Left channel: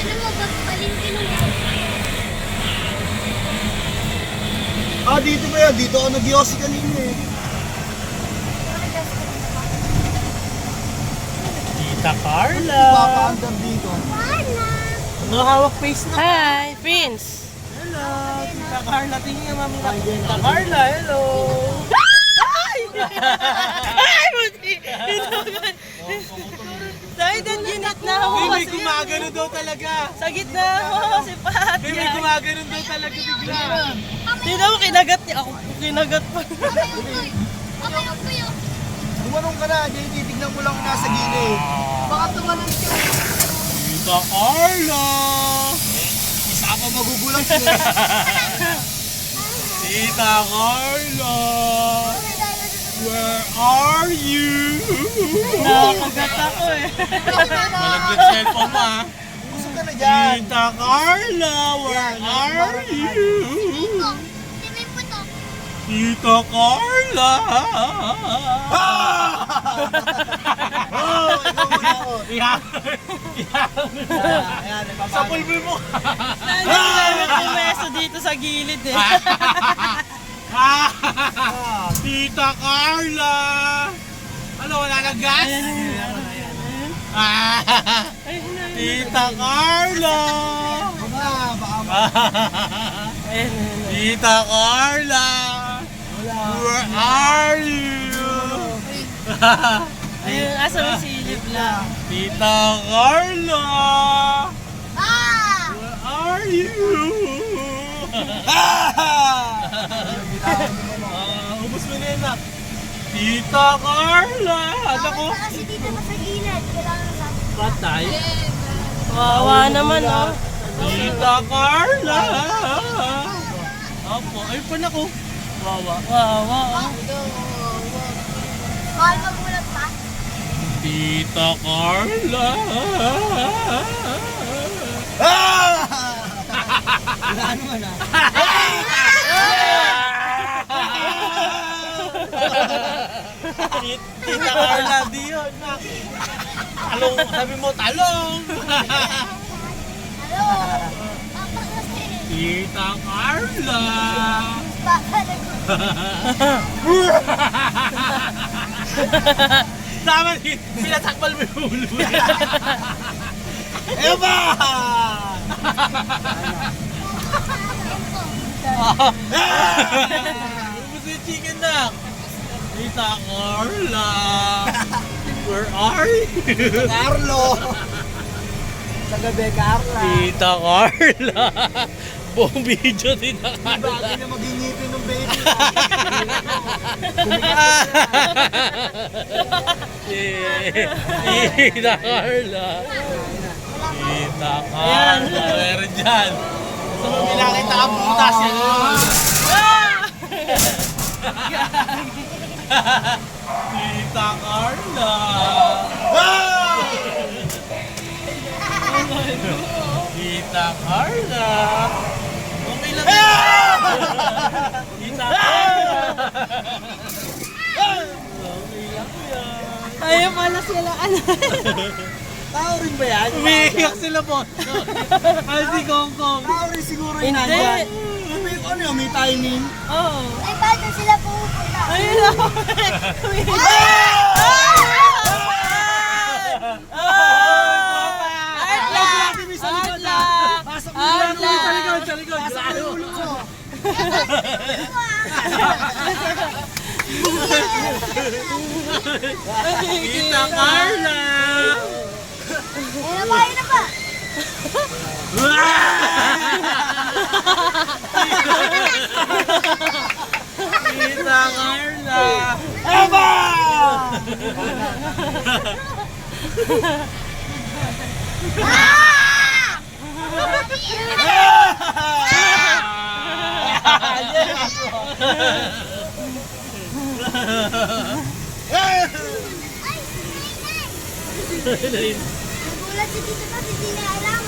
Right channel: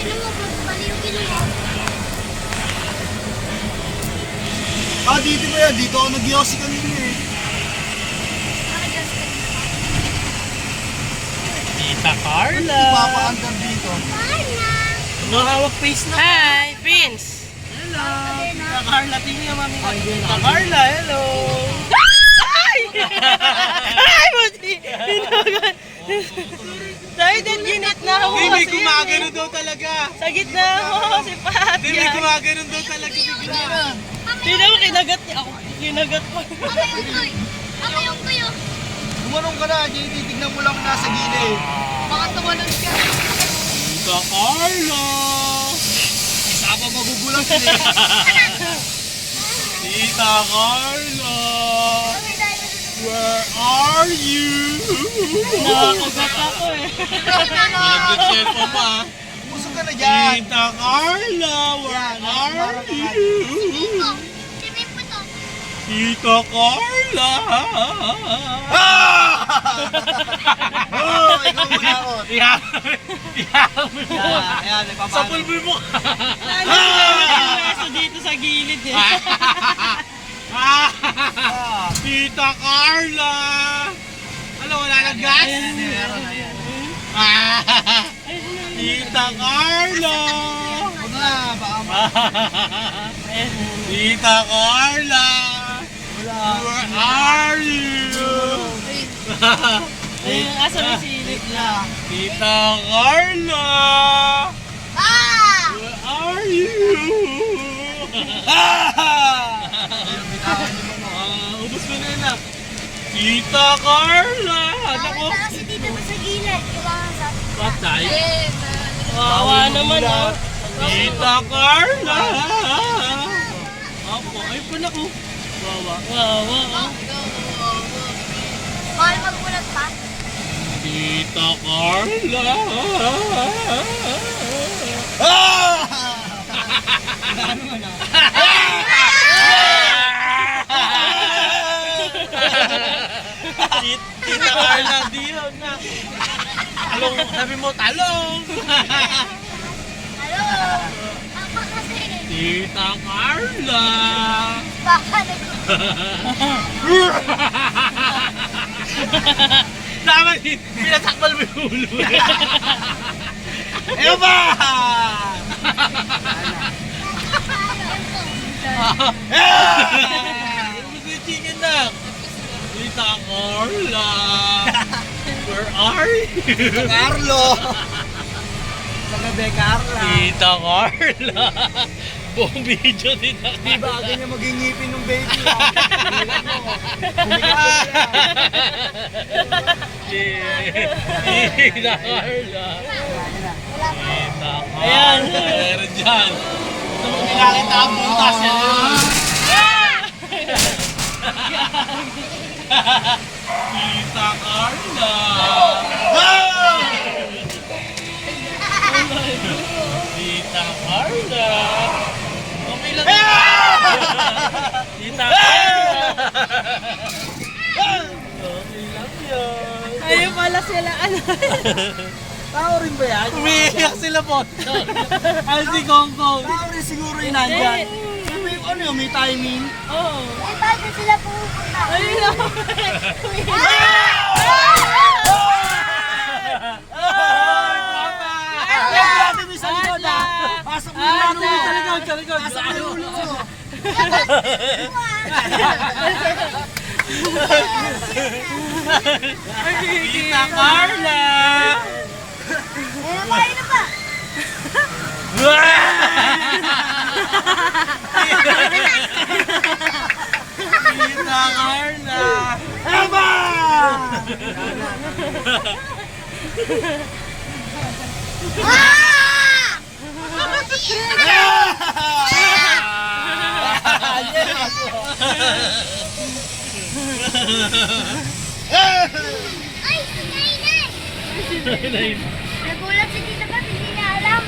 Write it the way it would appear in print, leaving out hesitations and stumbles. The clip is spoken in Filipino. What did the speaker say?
Tignan mo, mali yung kinuha. Dito ba yan? Dito ako nag-yossi kanina eh. Tita Carla. Papa-under dito. Nakahawak face na. Hi, Vince. Hello. Tita Carla. Tingnan niyo, mami na. Tita Carla, hello. Ay! Ay, buti. Dahil din ginit na ako Hindi, kasi. gumagano daw talaga. Sa gitna ako si Pat. Hindi, gumagano daw talaga. Bigla. Tingnan mo, kinagat niya ako. Kinagat mo. Gumanong ka na, Jay. Titignan mo lang nasa gilid. Baka tumalon siya. Tita Carla. Isa pa magugulat eh. Tita Carla. Where are you? Nakakagat ako eh. Malaglag cellphone mo ah. Busog ka na dyan. Tita Carla, where are you? Tita Carla. Ikaw muna ako. Ihaw mo na. Ayan, Sa pulbul mo. Nalilimot yung meso dito sa gilid eh. Tita Carla. Ano, wala nang gas? Tita Carla. Huwag na, baka Tita Carla. Where are you? Ayun, asa may silip lang. Tita Carla. Where are you? Ubus mo na yan ah. Tita Carla. Ano ko? Kasi dito na sa gilid. Kailangan sa... Patay. Wawa naman oh. Tita Carla. Apo, ay pa na ko. Wawa. Wawa oh. Mahal magulat pa. Tita Carla. ano mo na. Tita Carla, di yun. Talong, sabi mo, talong. Halo. Papa kasi. Tita Carla. Baka nag... Tama din, pinasakmal mo yung ulo. Eva! Ubus yung chicken na. Tita Carla. Where are you? Carlo! Kagabi, Carla. Tita Carla. Buong video, Tita Carla. Bagay na maging ngipin ng baby. Tita Carla. Tita Carla. Ayan. Meron dyan. Gusto mo nilakita ang buntas yan. Tita Carla. Tita Carla. Okay lang yan. Tita Carla. Okay lang yan. Ayun pala sila ano. Tao rin ba yan? Umiiyak sila po. Ay, si Gong Gong. Tao rin siguro yun Hindi. nandyan. Ano yun, may timing? Oo. Ay, paano sila pupunta? Ayun lang. Sa likod ah. Pasok mo lang ulit sa likod, sa likod. Pasok mo yung ulo mo. Tita Carla. Kumain na pa. Tita Carla. Eva! Ay, si Nainay. Nagulat si Tita Pat, hindi niya alam.